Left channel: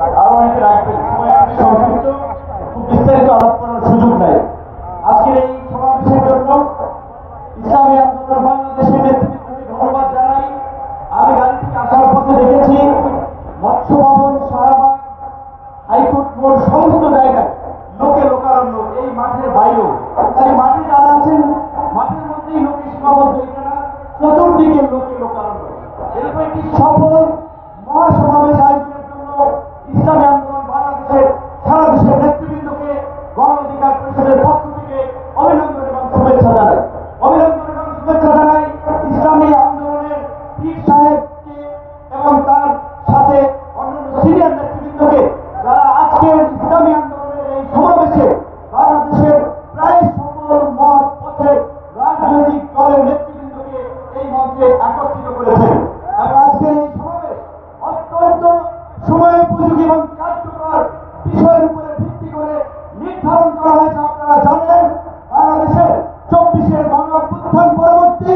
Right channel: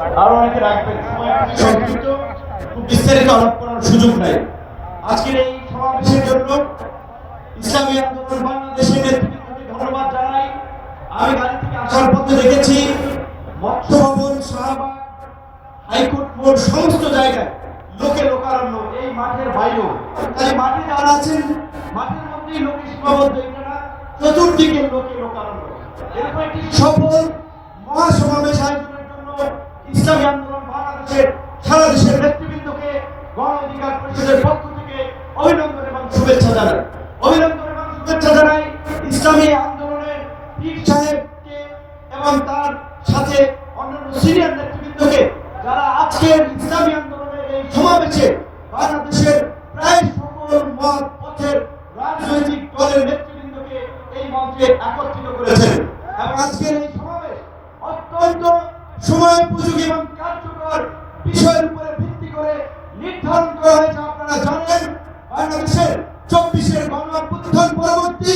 আরও অনেকে রাখবেন সময় খুব বিস্তারিত আলাপ করার সুযোগ নাই। আজকের এই সমাবেশের জন্য ইসলামী আন্দোলন বাংলাদেশের নেতৃত্বকে ধন্যবাদ জানাই। আমি গাড়ি থেকে আসার পথে দেখেছি মৎস্য ভবন শাহবাগ, হাইকোর্ট মোড়, সমস্ত জায়গায় লোকে লোকারণ্য, এই মাঠের বাইরেও। তাই মাঠে যারা আছেন, মাঠের মধ্যেই লোকে সীমাবদ্ধ এটা না চতুর্দিকে লোকে লোকারণ্য। এরকম একটি সফল মহাসমাবেশ ইসলামী বাংলাদেশের সারা দেশের নেতৃবৃন্দকে গণ অধিকার পরিষদের পক্ষ থেকে অভিনন্দন এবং শুভেচ্ছা জানাই। অভিনন্দন এবং শুভেচ্ছা জানাই ইসলামী আন্দোলনের পীর সাহেবকে এবং তার সাথে অন্যান্য সিনিয়র নেতৃবৃন্দকে যারা আজকের ইসলামী আন্দোলনের এই সমাবেশে বাংলাদেশের প্রায় সকল মত, পথের রাজনৈতিক দলের নেতৃবৃন্দকে এই মঞ্চে একত্রিত করেছেন। এবং আজকের এই সমাবেশ অত্যন্ত সময় উপযোগী এবং কার্যকর বিষয়ের উপরে ভিত্তি করে নির্ধারণ করা হয়েছে, আপনারা জানেন, বাংলাদেশের চব্বিশের গণ অভ্যুত্থান পরবর্তী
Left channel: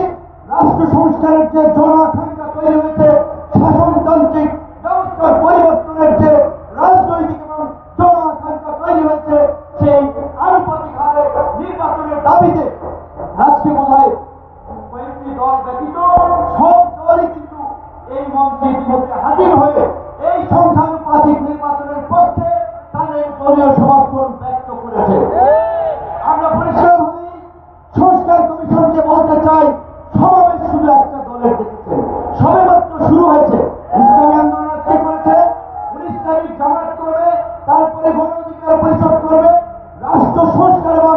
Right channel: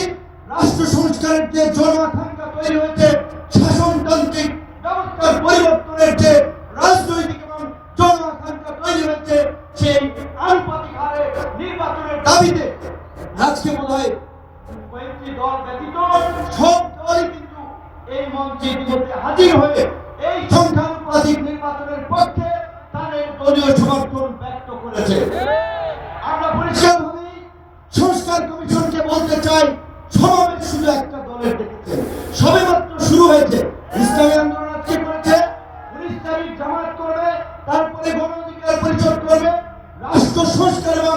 রাষ্ট্র সংস্কারের যে জন আকাঙ্ক্ষা তৈরি হয়েছে, শাসনতান্ত্রিক ব্যবস্থার পরিবর্তনের যে রাজনৈতিক এবং জন আকাঙ্ক্ষা তৈরি হয়েছে, সেই আনুপাতিক হারে নির্বাচনের দাবিতে আজকে মনে হয় কয়েকটি দল ব্যতীত সব দলই কিন্তু এই মঞ্চে হাজির হয়ে এই সংখ্যানুপাতিক নির্বাচনের পক্ষে তাদের দলীয় সমর্থন ব্যক্ত করেছে। আমরা পরিষ্কারভাবেই সংস্কার কমিশনকে বলতে চাই, সমাবেশ শুধু একটা দলের দেখেছে। সবে মাত্র শুরু হয়েছে। ইসলামী আন্দোলন আজকে করেছে। উনিশ তারিখ জামাত করবে, তারপরে গণ অধিকার পরিষদ করবে। রাষ্ট্র সংস্কার এবং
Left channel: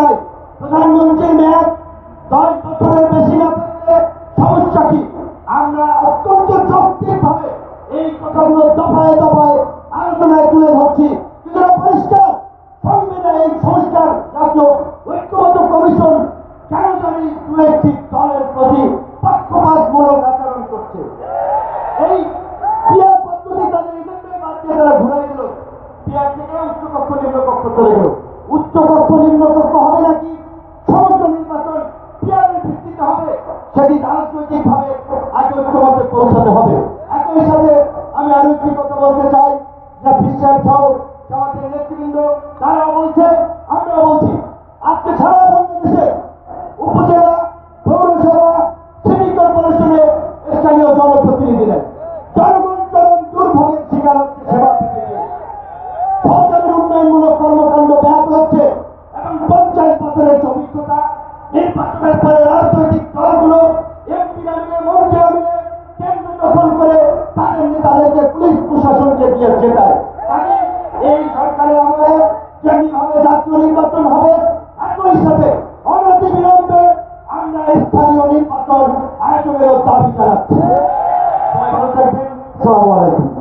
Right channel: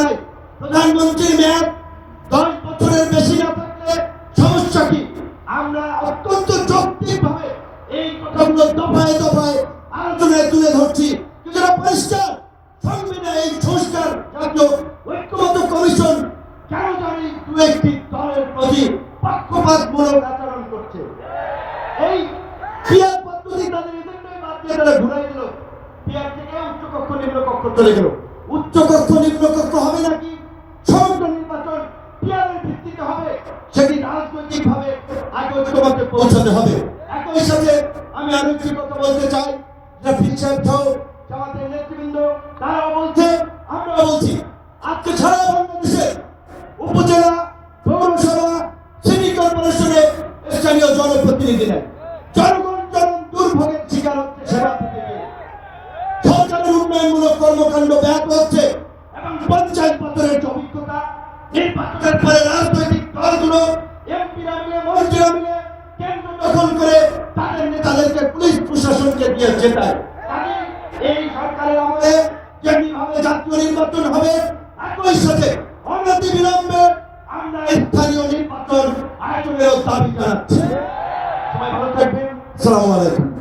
নাই প্রধানমন্ত্রীর মেয়াদ দশ বছরের বেশি না থাকলে সমস্যা কি? আমরা অত্যন্ত যৌক্তিক ভাবে এই কথাগুলো দফায় দফায় আলোচনায় তুলে ধরছি। কিন্তু পরিষ্কার, সংবিধান এই সংস্কার জাতীয় ঐক্যবদ্ধ কমিশন কেন জানি দু একটি দলের প্রতি পক্ষপাতমূলক আচরণ করছে। এই ক্রিয়া পদ্ধতি তাদের এজেন্ডায় বাদ দিয়ে তারা ঘুরাই দিল। পিয়ার থেকে উচ্চ কক্ষ নিম্ন কক্ষ চলে গেল। উচ্চ কক্ষ নিম্ন কক্ষ হবে নাকি? সমগ্র নির্বাচন পিয়ারের ভিত্তিতে হবে। সেটি রাজনৈতিক ভাবে আগে ঐক্যমতে পৌঁছাতে হবে। একই সাথে আমি আরও একটি কথা বলতে চাই রাফিল সাহেব সহ জামাতের নেতৃবৃন্দ তারা বলছে আমরা বলছি, আজকে সারা বাংলাদেশে উপজেলা, পৌরসভা সিটি কর্পোরেশনে স্থানীয় জনপ্রতিনিধি নেয় জনগণ জন দুর্ভোগের শিকার হচ্ছে সেবা সরকারের উন্নয়নমূলক কর্মকাণ্ড ব্যাহত হচ্ছে এবং পঞ্চায়েত পত্রের যে অভিজ্ঞতা নির্বাচনের পরে রাজনৈতিক দলগুলো এমপিরা মিলে মন্ত্রীরা মিলে কেন্দ্র দখল করে তাদের নেতাদেরকে পুলিশ প্রশাসনকে দিয়ে জেতায়। এই সরকারের আমলে যেমনি ভাবে জাতীয় নির্বাচন হবে, একই সাথে অনতি বিলম্বে আমরা স্থানীয় নির্বাচন আয়োজনের দাবি জানাচ্ছি। সবাই ভালো থাকবেন। আসসালামু আলাইকুম।